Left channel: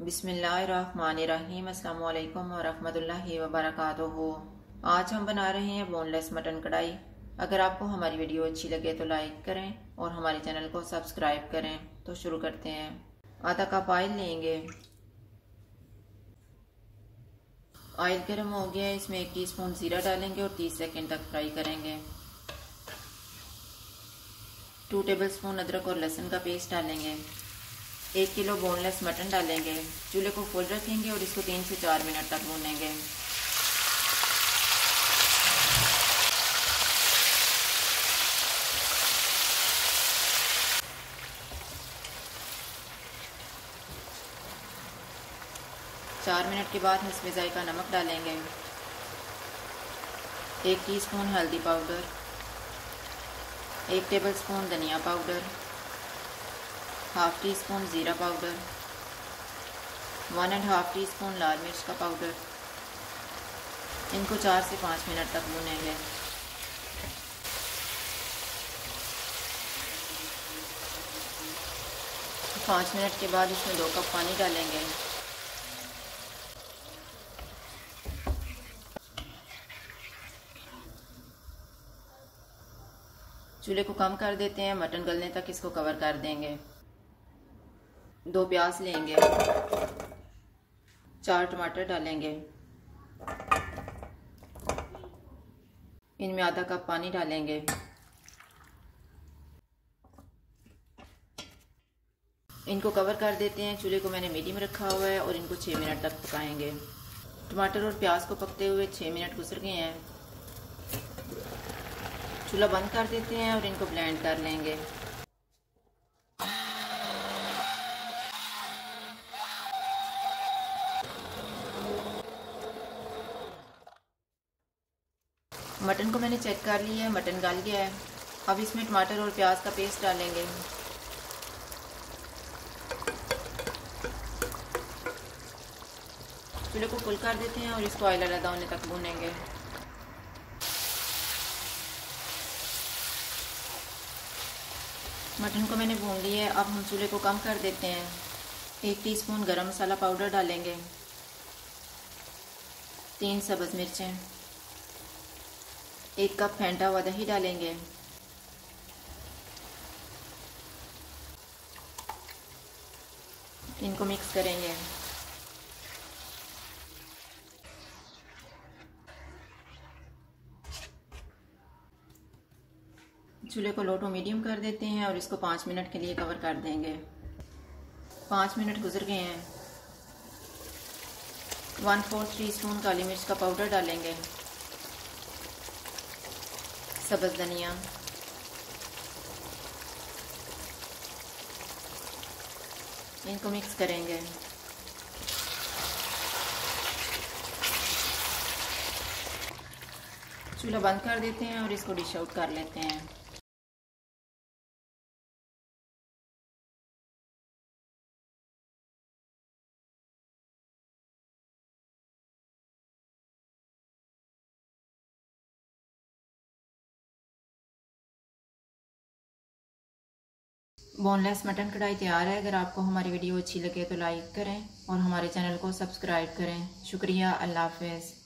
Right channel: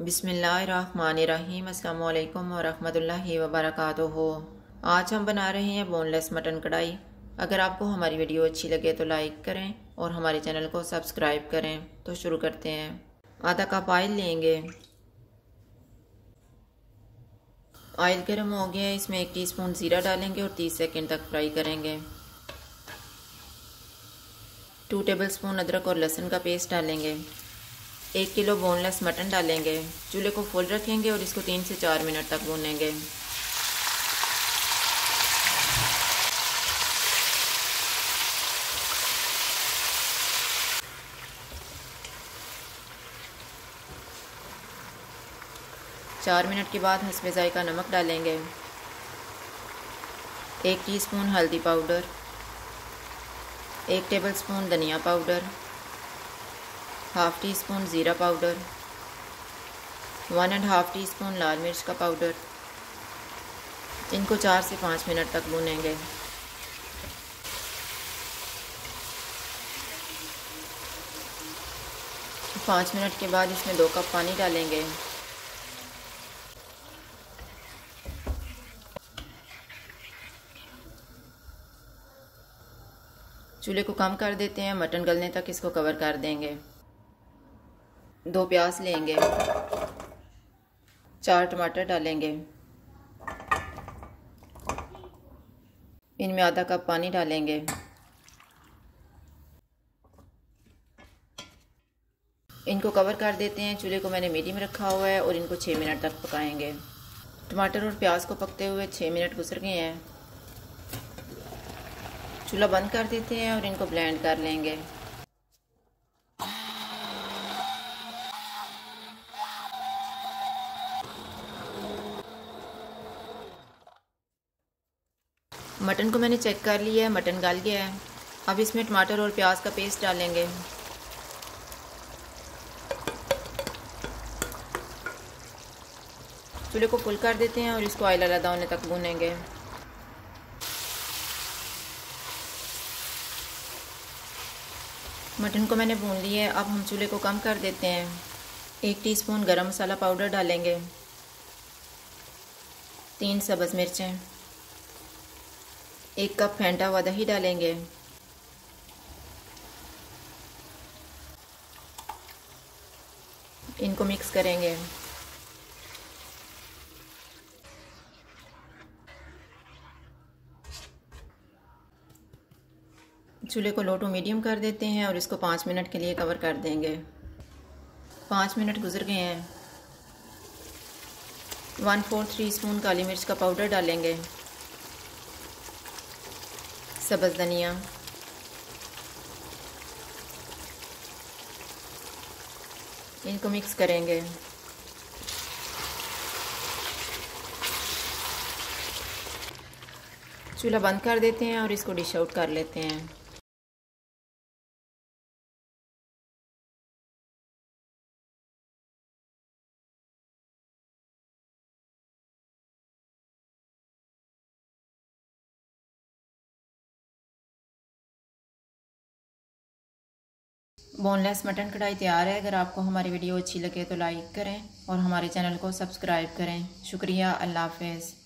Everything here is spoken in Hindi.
बिस्मिल्लाहिर्रहमानिर्रहीम। अस्सलाम वालेकुम वरहमतुल्लाहि वबरकातुहू। आज हम बना रहे हैं बोनलेस मटन कढ़ाई। अगर आपको हमारी वीडियो अच्छी लगे तो लाइक करें और हमारे चैनल को सब्सक्राइब करें। तो शुरू करते हैं। आधा कप ऑयल लेंगे। ऑयल गर्म हो गया है, इसमें 1 टीस्पून ज़ीरा डालेंगे और 30 सेकंड तक फ्राई करेंगे। 2 टेबलस्पून अदरक और लहसुन का पेस्ट डालेंगे। 1 किलो बोनलेस मटन डालेंगे। चूल्हे को फुल रखेंगे और इसको 3 से 4 मिनट तक भूनेंगे। चार मिनट के बाद हस्बे जायका नमक डालेंगे। 1 टीस्पून हल्दी पाउडर, 1 टेबलस्पून धनिया पाउडर, हाफ टी स्पून ज़ीरा पाउडर, 1.5 टीस्पून लाल मिर्च का पाउडर। इनको 4 से 5 मिनट तक भूनेंगे। पाँच मिनट के बाद इसमें 2 कप पानी डालेंगे। चूल्हे को कम कर देते हैं, मटन गलने तक इसको कवर कर देंगे। 2 प्याज लेंगे, 4 टमाटर डालेंगे। इनमें आधा कप पानी डालेंगे। इनको कवर कर देते हैं। चूल्हे को मैंने मीडियम रखा हुआ है और इनको 6 मिनट तक पकाएंगे। टमाटर और प्याज को पकते हुए 6 मिनट गुजर गए हैं। चूल्हा बंद कर देते हैं और इनको ब्लेंड कर लेंगे। मटन को मैंने चेक कर लिया है, मटन गल गया है। अब इसमें टमाटर और प्याज का पेस्ट डालेंगे। चूल्हे को फुल कर देते हैं और इसको ऑयल अलग होने तक भूनेंगे। मटन को मैंने भून लिया है। अब हम चूल्हे को कम कर देते हैं। 1 टीस्पून गरम मसाला पाउडर डालेंगे। 3 सब्ज़ मिर्चें, 1 कप फेंटा हुआ दही डालेंगे। इनको मिक्स करेंगे। चूल्हे को लो टू मीडियम कर देते हैं और इसको 5 मिनट के लिए कवर कर देंगे। 5 मिनट गुजर गए हैं। 1/4 टीस्पून काली मिर्च का पाउडर डालेंगे। सब्ज़ धनिया, इनको मिक्स करेंगे। चूल्हा बंद कर देते हैं और इसको डिश आउट कर लेते हैं। बोनलेस मटन कढ़ाई तैयार है। अगर आपको हमारी वीडियो अच्छी लगे तो लाइक करें और हमारे चैनल को सब्सक्राइब करें। शुक्रिया। अल्लाह हाफ़िज़।